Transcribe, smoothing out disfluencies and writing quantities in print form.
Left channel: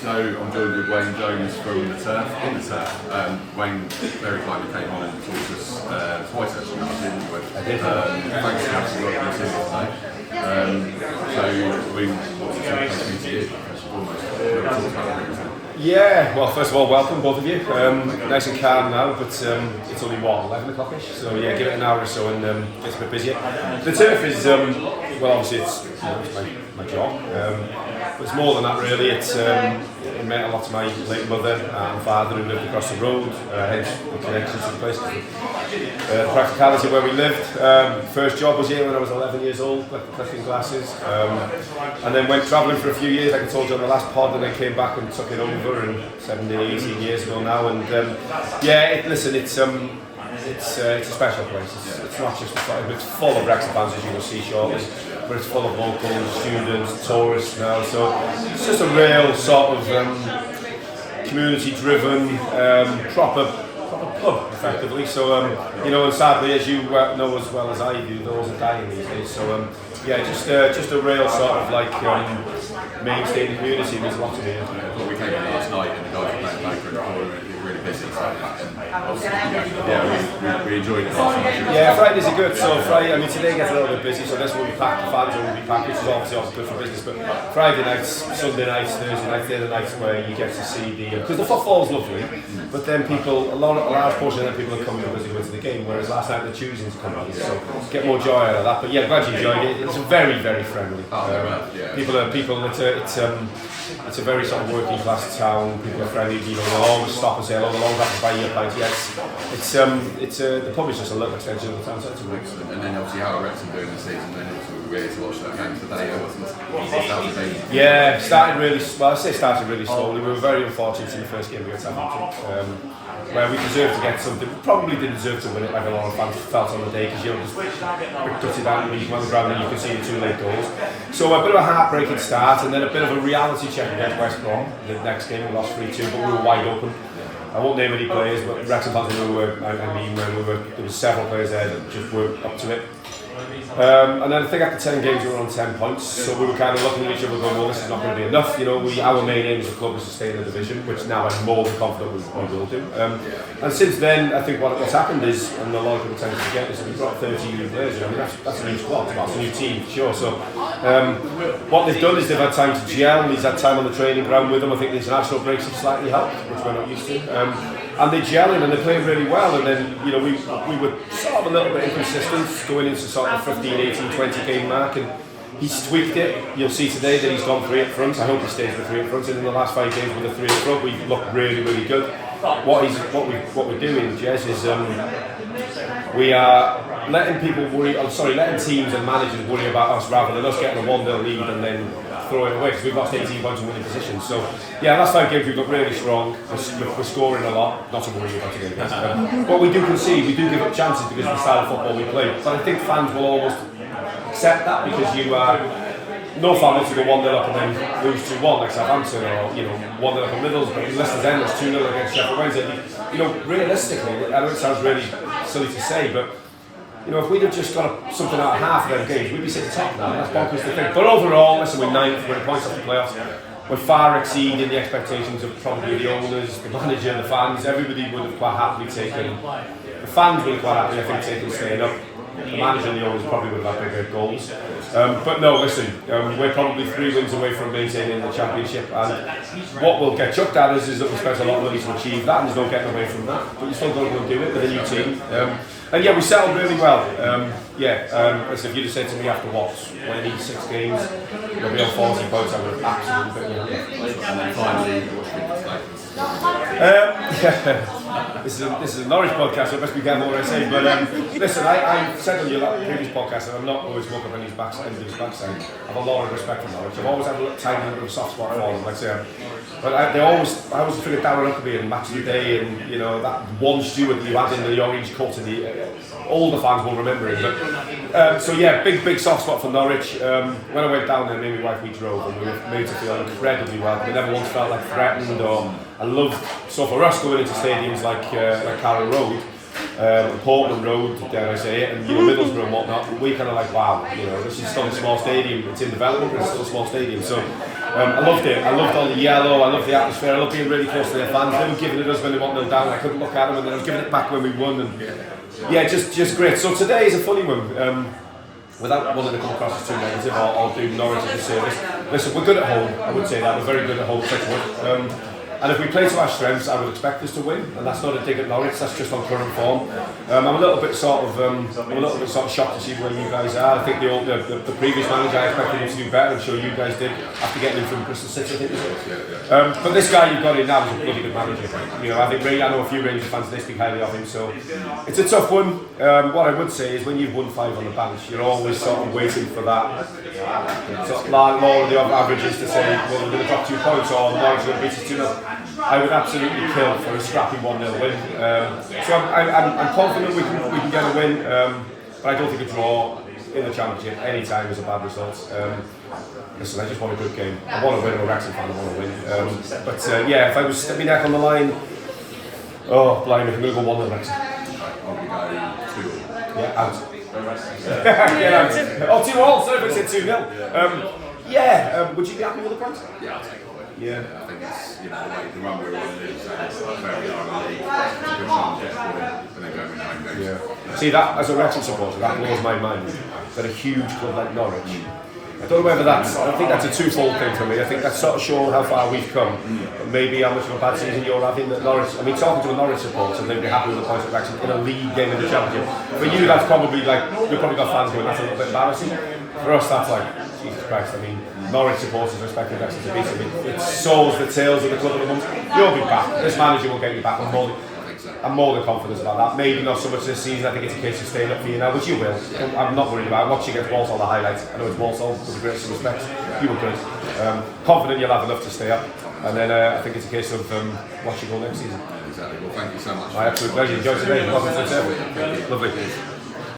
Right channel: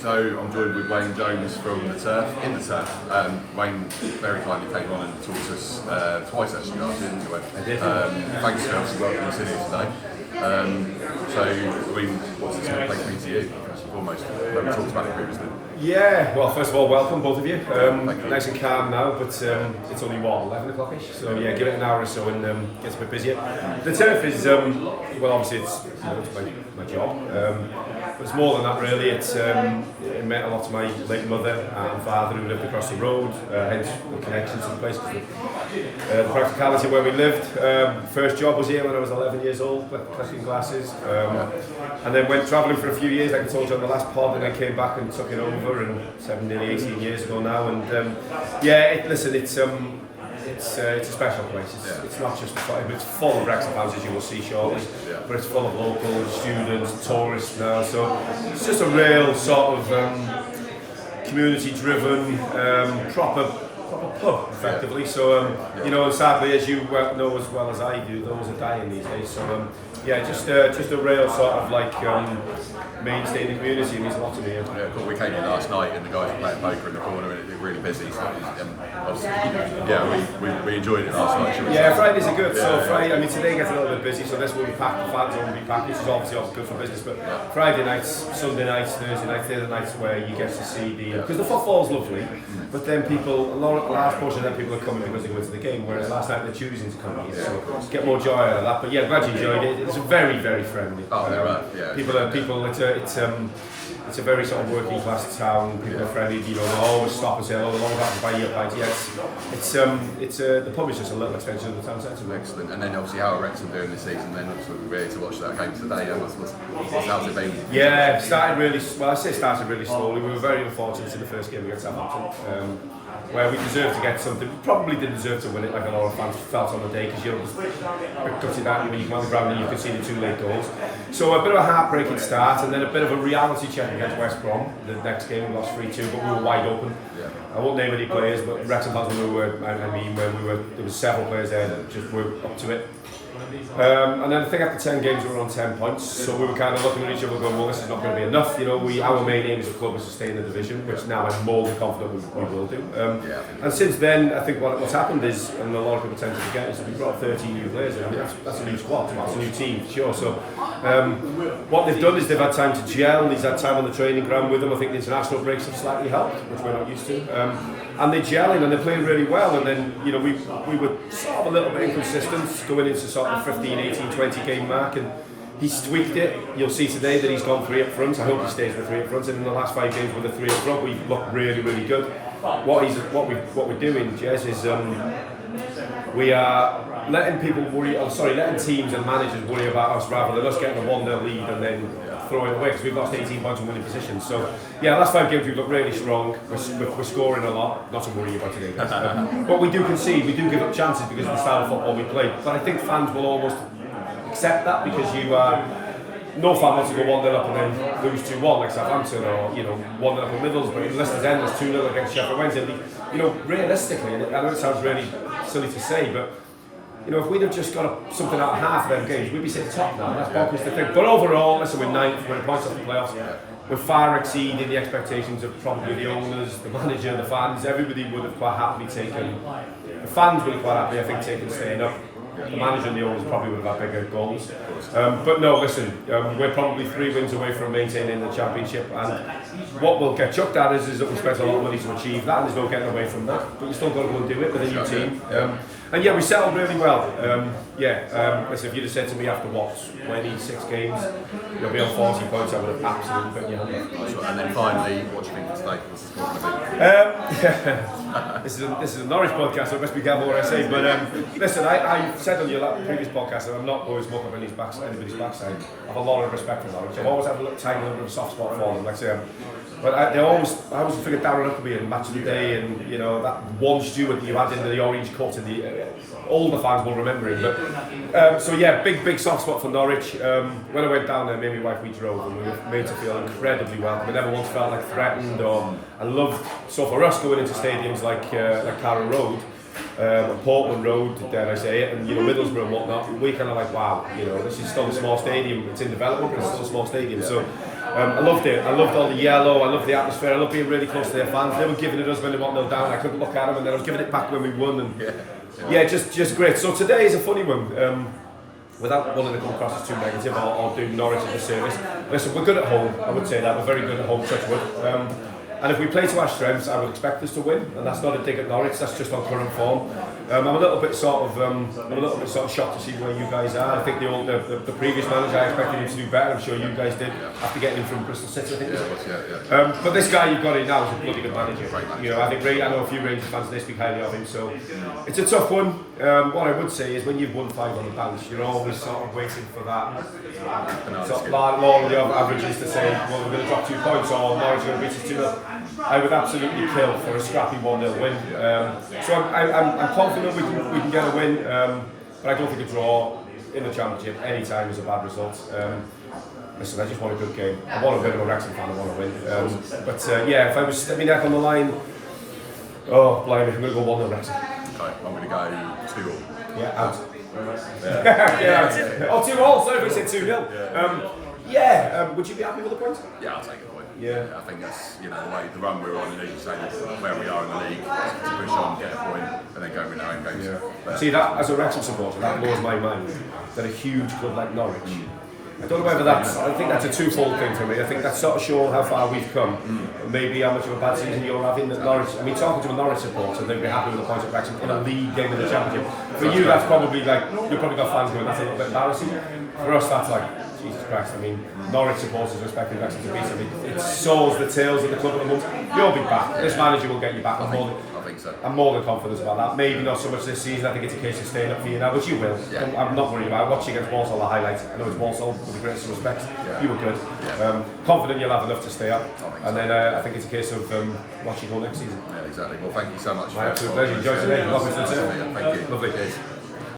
So I'm joined with Wayne Jones from the Turf, in the Turf. Wayne very kindly came on and talked to us twice actually last year, didn't you, Wayne? I did. Thanks for having welcome to you today. What's it going to take me to you, first and foremost? We've talked about it previously. Yeah, well, first of all, welcome both of you. Nice and calm now, but it's only 11 o'clock-ish, so yeah, give it an hour or so and get a bit busier. The Turf is, well, obviously it's my job, but it's more than that really. It meant a lot to my late mother and father who lived across the road, hence the connection to the place, the practicality where we lived. First job was here when I was 11 years old, collecting glasses, and then went travelling for a few years, like I told you on the last pod, and then came back and took it over, and 17, 18 years ago now, and it's a special place. It's not just it's full of Wrexham fans, as you will see shortly, but it's full of locals, students, tourists now. So it's just a real sort of community-driven, proper pub, effectively. So and sadly, as you know as well as I do, those are dying these days. So just a real sort of like mainstay in the community. There's a lot to do. Yeah, we came in last night and the guys were playing poker in the corner and it was really busy. So we enjoyed it last night. Yeah, Fridays are good. So Friday, today gets a little bit busy, so this will be packed. The fans will be packed, which is obviously good for business. But Friday nights, Sunday nights, Thursday nights, they're the nights where you get to see because the football's lovely, but then a large portion of them people are coming because they go to the game, whereas last night they're choosing to come in. So get more joy out of that. But yeah, glad you enjoyed it. It's very, very friendly. It's a very sort of working class town. People are friendly. They'll always stop and say hello. They'll always have to buy you a pint. Yes, the pub is just a little extension of the town centre. Excellent. And then obviously how are Wrexham doing this season? Then obviously we're here to watch that game today. How's it been? Yeah, started really slowly. We were very unfortunate in the first game against Southampton, where we deserved to get something. Probably didn't deserve to win it, like a lot of fans felt on the day, because just touched it down on the ground and you could see the 2 late goals. So a bit of a heartbreaking start, and then a bit of a reality check against West Brom. The next game we lost 3-2, but we were wide open. I won't name any players, but Wrexham fans there was several players there that just weren't up to it. And then I think after 10 games we were on 10 points, so we were kind of looking at each other going, well, this is not going to be enough. Our main aim as a club is to stay in the division, which now I'm more than confident we will do. And since then, I think what's happened is, and a lot of people tend to forget, is that we've got 30 new players in. That's a new squad, that's a new team for sure. So what they've done is they've had time to gel, he's had time on the training ground with them. I think the international breaks have slightly helped, which we're not used to. And they're gelling and they're playing really well, and then we were sort of a little bit inconsistent going into sort of 15, 18, 20 game mark, and he's tweaked it. You'll see today that he's gone 3 up front. I hope he stays with 3 up front, and in the last 5 games with the 3 up front we've looked really, really good. What we're doing, Jez, is we are letting teams and managers worry about us rather than us getting a 1-0 lead and then throwing away, because we've lost 18 points in winning positions. So yeah, last 5 games we've looked really strong. We're scoring a lot, not to worry about it again. But we do concede, we do give up chances because of the style of football we play. But I think fans will almost accept that, because no fan wants to go 1-0 up and then lose 2-1 like Southampton, or 1-0 up in Middlesbrough, Leicester's end was 2-0 against Sheffield Wednesday. Realistically, I know it sounds really silly to say, but if we'd have just got something out of half of them games, we'd be sitting top now, and that's bonkers to think. But overall, listen, we're 9th, we're the points off the playoffs. We're far exceeding the expectations of probably the owners, the manager, the fans. Everybody would have quite happily taken, the fans would have quite happily, I think, taken staying up. The manager and the owners probably would have had bigger goals. But no, listen, we're probably 3 wins away from maintaining the championship, and what we'll get chucked at is that we spent a lot of money to achieve that, and there's no getting away from that. But you've still got to go and do it with a new team. And yeah, we settled really well. Listen, if you'd have said to me after 26 games, you'll be on 40 points, I would have absolutely put me on. And then finally, what do you think this is a Norwich podcast, so I best be careful what I say. But listen, I said on your previous podcast that I'm not always smoke up anybody's backside. I have a lot of respect for Norwich. I've always had a tiny little bit of soft spot for them, like I say. But I always feel it Darren Huckabee and Match of the Day, and that one Stewart that you had in the orange coat, and all the fans will remember him. But big soft spot for Norwich. When I went down there, me and my wife, we drove, and we were made to feel incredibly welcome. We never once felt like threatened, so for us going into stadiums like Carrow Road, Portland Road, dare I say it, and Middlesbrough and whatnot, we kind of like, wow, this is still a small stadium. It's in development, but it's still a small stadium. So I loved it. I loved all the yellow. I loved the atmosphere. I loved being really close to their fans. They were giving it us when they 1-0 down. I couldn't look at them, and then I was giving it back when we won. And just great. So today is a funny one. Without wanting to come across as too negative or do Norwich a disservice. Listen, we're good at home. I would say that we're very good at home. Touch wood. And if we play to our strengths, I would expect us to win. And that's not a dig at Norwich. That's just on current form. I'm a little bit sort of shocked to see where you guys are. I think the previous manager, I expected him to do better. I'm sure you guys did after getting him from Bristol City. I think. But this guy you've got in now is a bloody good manager. You know, I know a few Rangers fans they speak highly of him. So it's a tough one. What I would say is when you've won 5 on the bench, you're always sort of waiting for that. Sort of law of the averages to say, well, we're going to drop 2 points or Norwich are going to beat us 2-0. I would absolutely kill for a scrappy 1-0 win. So I'm confident we can get a win, but I don't think a draw in the Championship any time is a bad result. Listen, I just want a good game. I want to win. I'm a Wrexham fan. I want to win. But if I was stepping neck on the line, oh, blimey, I'm going to go 1-0 Wrexham. I'm going to go 2-0. Yeah, out. Oh, 2-all. Sorry if I said 2-0. Would you be happy with the points? Yeah, I'll take it. Yeah. I think that's the way the run we're on in the league, where we are in the league, to push on, get a point, and then go win our own games. Yeah. See that as a Wrexham supporter, that blows my mind. That a huge club like Norwich. I don't know whether I think that's a twofold thing for me. I think that's sort of showing how far we've come, but maybe how much of a bad season you're having at Norwich. I mean, talking to a Norwich supporter, they'd be happy with the points at Wrexham in a league game in the Championship. For you, that's probably like you've probably got fans going, that's a little bit embarrassing. For us, that's like, Jesus Christ, I mean, Norwich supporters expecting Wrexham to beat them. It sows the tails of the club at the moment. You'll be back. This manager will get you back. I'm more than confident about that. Maybe not so much this season. I think it's a case of staying up for you now, which you will. Yeah. I'm not worried about it. Watching against Walsall the highlights. I know it's Walsall, with the greatest respect. You were good. Confident you'll have enough to stay up. And then I think it's a case of watching all next season. Yeah, exactly. Well, thank you so much. My absolute pleasure. Enjoy today. Welcome to the table. Thank you. Lovely.